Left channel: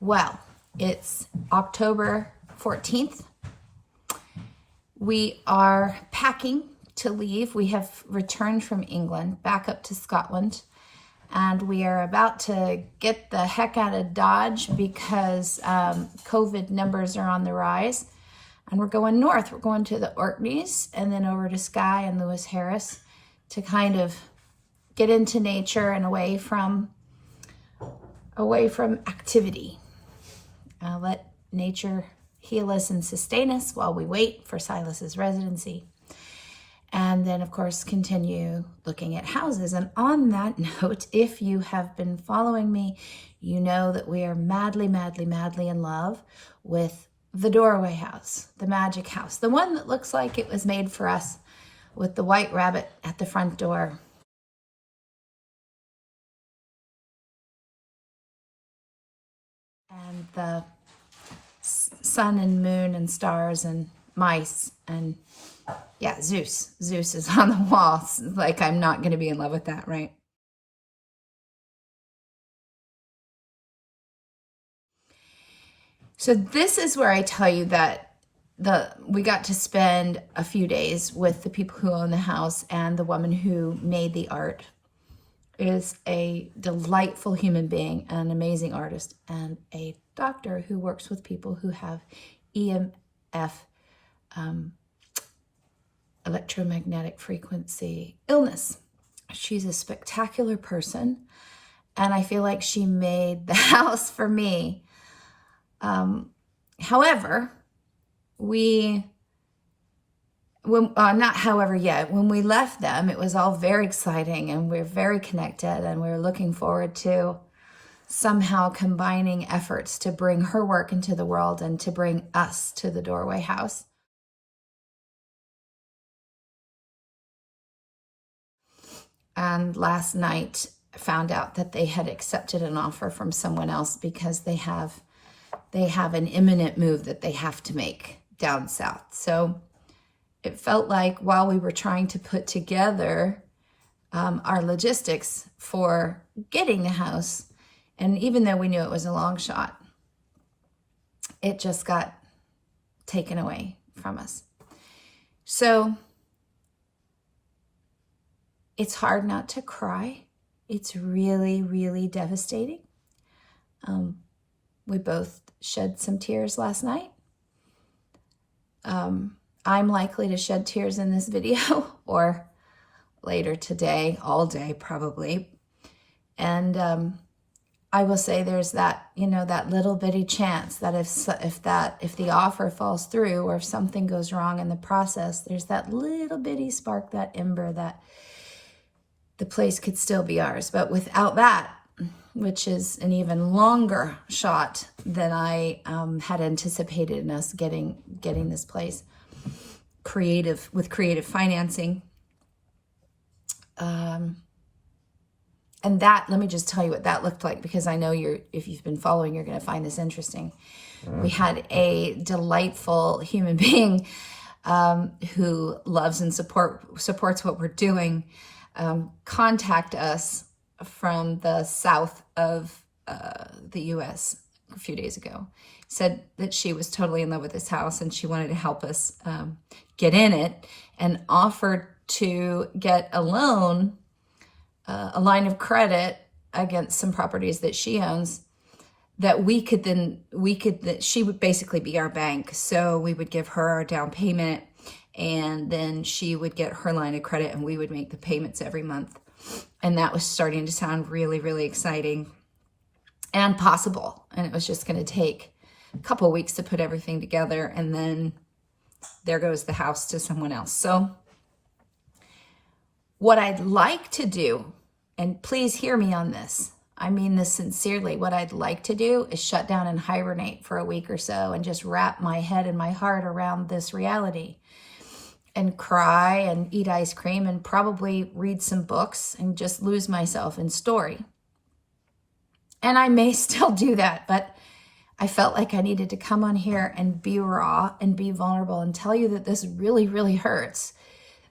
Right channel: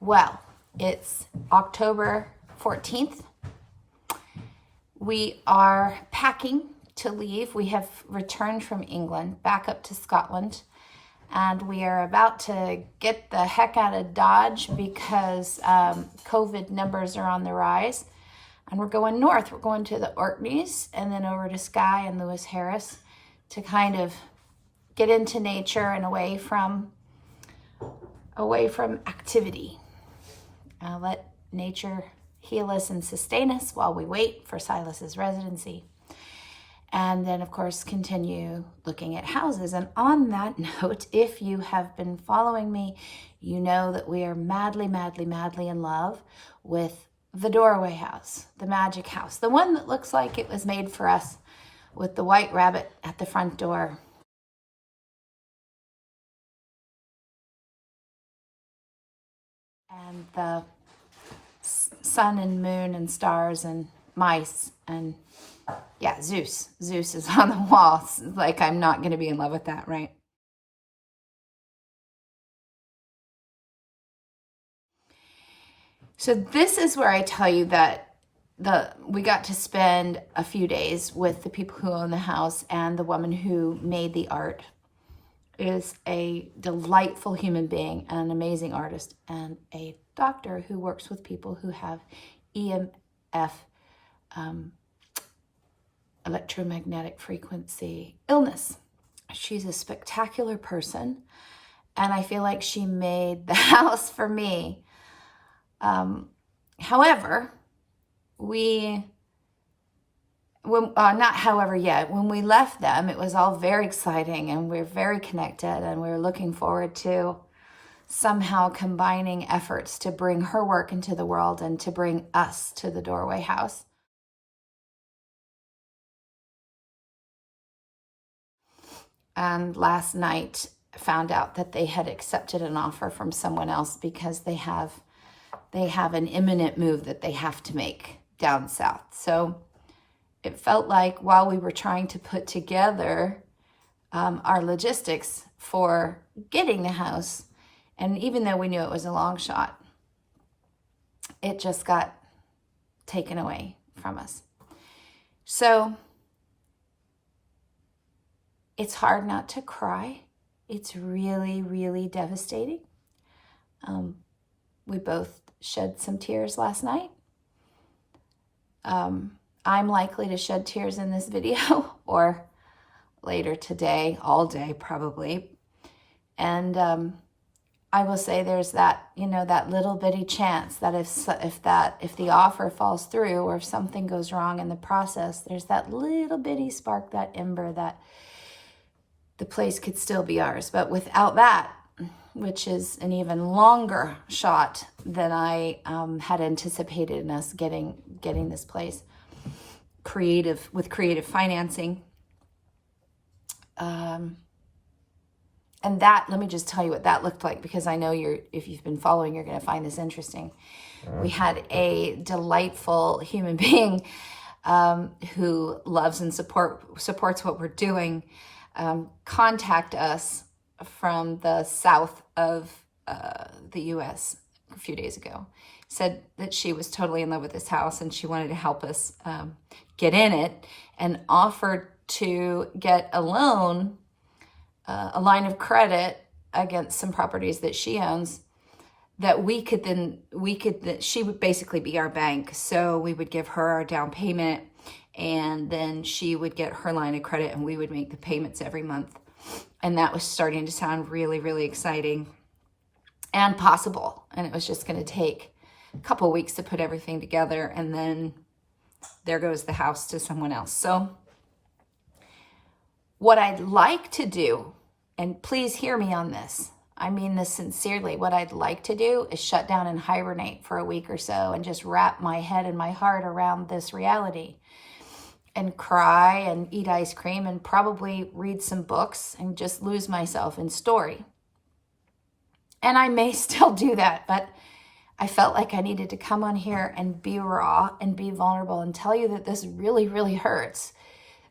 Well, it's October 14th. We are packing to leave. We have returned from England back up to Scotland, and we are about to get the heck out of Dodge because COVID numbers are on the rise. And we're going north. We're going to the Orkneys and then over to Skye and Lewis Harris to kind of get into nature and away from activity. Let nature heal us and sustain us while we wait for Silas's residency. And then, of course, continue looking at houses. And on that note, if you have been following me, you know that we are madly, madly, madly in love with the DUIRWAIGH house, the magic house, the one that looks like it was made for us with the white rabbit at the front door. And the sun and moon and stars and mice and yeah, Zeus. Zeus is on the wall. It's like, I'm not going to be in love with that, right? So this is where I tell you that we got to spend a few days with the people who own the house, and the woman who made the art is a delightful human being, an amazing artist, and a doctor who works with people who have EMF, electromagnetic frequency illness. She's a spectacular person, and I feel like she made the house for me. However, when we left them, it was all very exciting, and we're very connected, and we're looking forward to somehow combining efforts to bring her work into the world and to bring us to the DUIRWAIGH house. And last night found out that they had accepted an offer from someone else because they have an imminent move that they have to make down south. So it felt like while we were trying to put together our logistics for getting the house, and even though we knew it was a long shot, it just got taken away from us. So it's hard not to cry. It's really, really devastating. We both shed some tears last night. I'm likely to shed tears in this video or later today, all day probably. And I will say there's that, that little bitty chance that if the offer falls through or if something goes wrong in the process, there's that little bitty spark, that ember, that the place could still be ours. But without that, which is an even longer shot than I had anticipated in us getting this place with creative financing. And that, let me just tell you what that looked like, because I know if you've been following, you're going to find this interesting. We had a delightful human being who loves and supports what we're doing contact us from the south of the U.S. a few days ago. Said that she was totally in love with this house and she wanted to help us get in it, and offered to get a loan, a line of credit against some properties that she owns, that she would basically be our bank. So we would give her our down payment, and then she would get her line of credit and we would make the payments every month. And that was starting to sound really, really exciting and possible. And it was just going to take a couple of weeks to put everything together, and then there goes the house to someone else. So what I'd like to do, and please hear me on this, I mean this sincerely, what I'd like to do is shut down and hibernate for a week or so and just wrap my head and my heart around this reality and cry and eat ice cream and probably read some books and just lose myself in story. And I may still do that, but I felt like I needed to come on here and be raw and be vulnerable and tell you that this really, really hurts.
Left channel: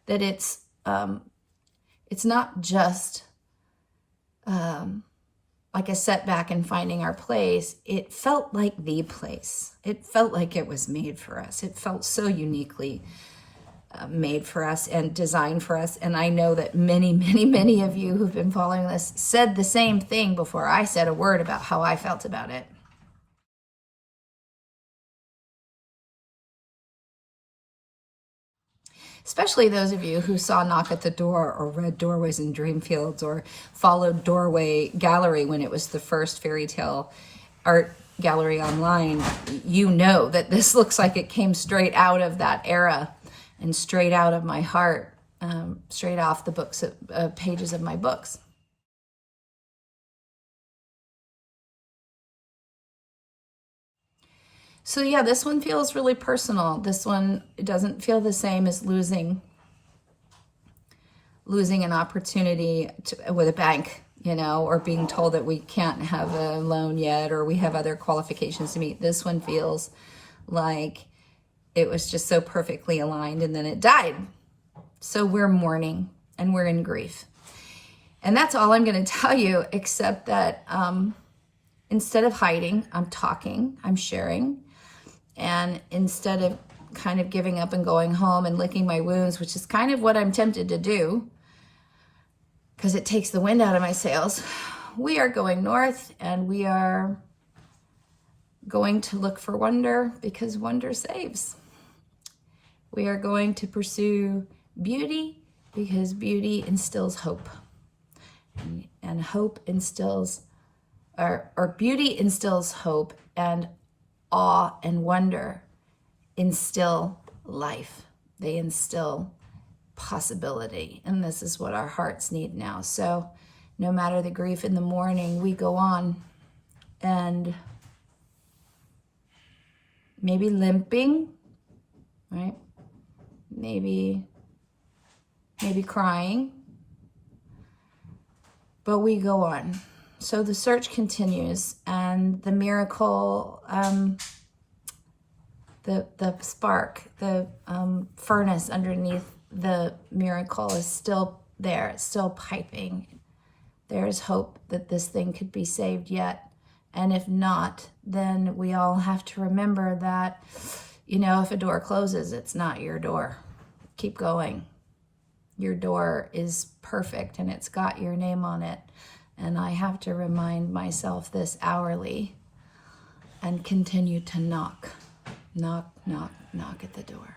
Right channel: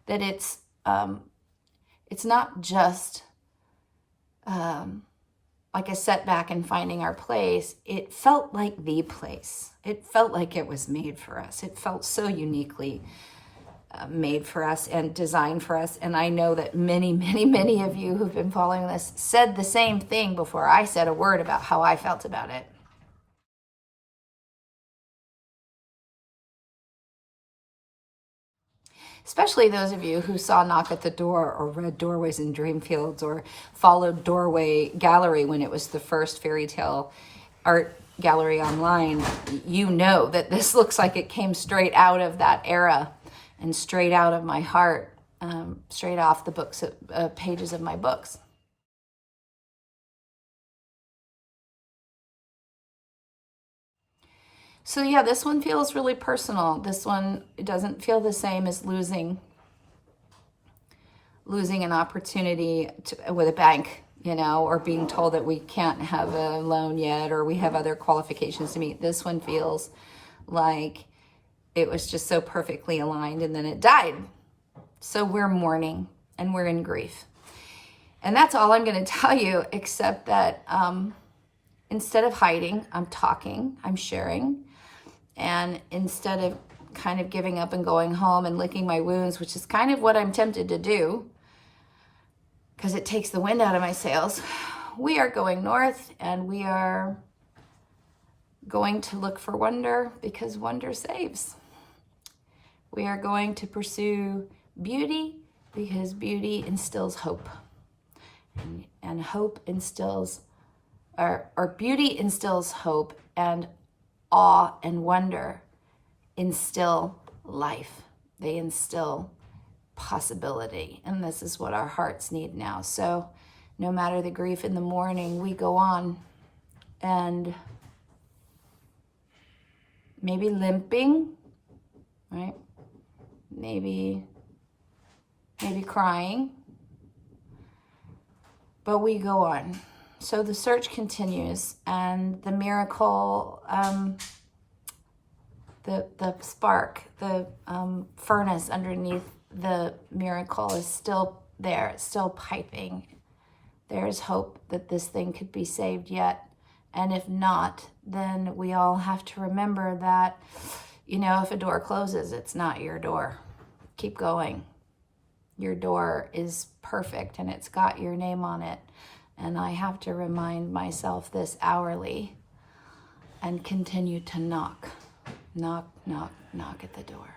That it's not just like a setback in finding our place, it felt like the place. It felt like it was made for us. It felt so uniquely made for us and designed for us. And I know that many, many, many of you who've been following this said the same thing before I said a word about how I felt about it. Especially those of you who saw Knock at the Door or read Doorways in Dreamfields or followed Doorway Gallery when it was the first fairy tale art gallery online. You know that this looks like it came straight out of that era and straight out of my heart, straight off the books, pages of my books. So yeah, this one feels really personal. This one doesn't feel the same as losing an opportunity with a bank, you know, or being told that we can't have a loan yet, or we have other qualifications to meet. This one feels like it was just so perfectly aligned and then it died. So we're mourning and we're in grief. And that's all I'm going to tell you, except that instead of hiding, I'm talking, I'm sharing. And instead of kind of giving up and going home and licking my wounds, which is kind of what I'm tempted to do, because it takes the wind out of my sails, we are going north and we are going to look for wonder, because wonder saves. We are going to pursue beauty because beauty instills hope. And hope instills, or beauty instills hope, and awe and wonder instill life. They instill possibility. And this is what our hearts need now. So no matter the grief in the morning, we go on, and maybe limping, right? Maybe crying, but we go on. So the search continues, and the miracle, the spark, the furnace underneath the miracle is still there. It's still piping. There's hope that this thing could be saved yet. And if not, then we all have to remember that, you know, if a door closes, it's not your door. Keep going. Your door is perfect and it's got your name on it. And I have to remind myself this hourly and continue to knock, knock, knock, knock at the door.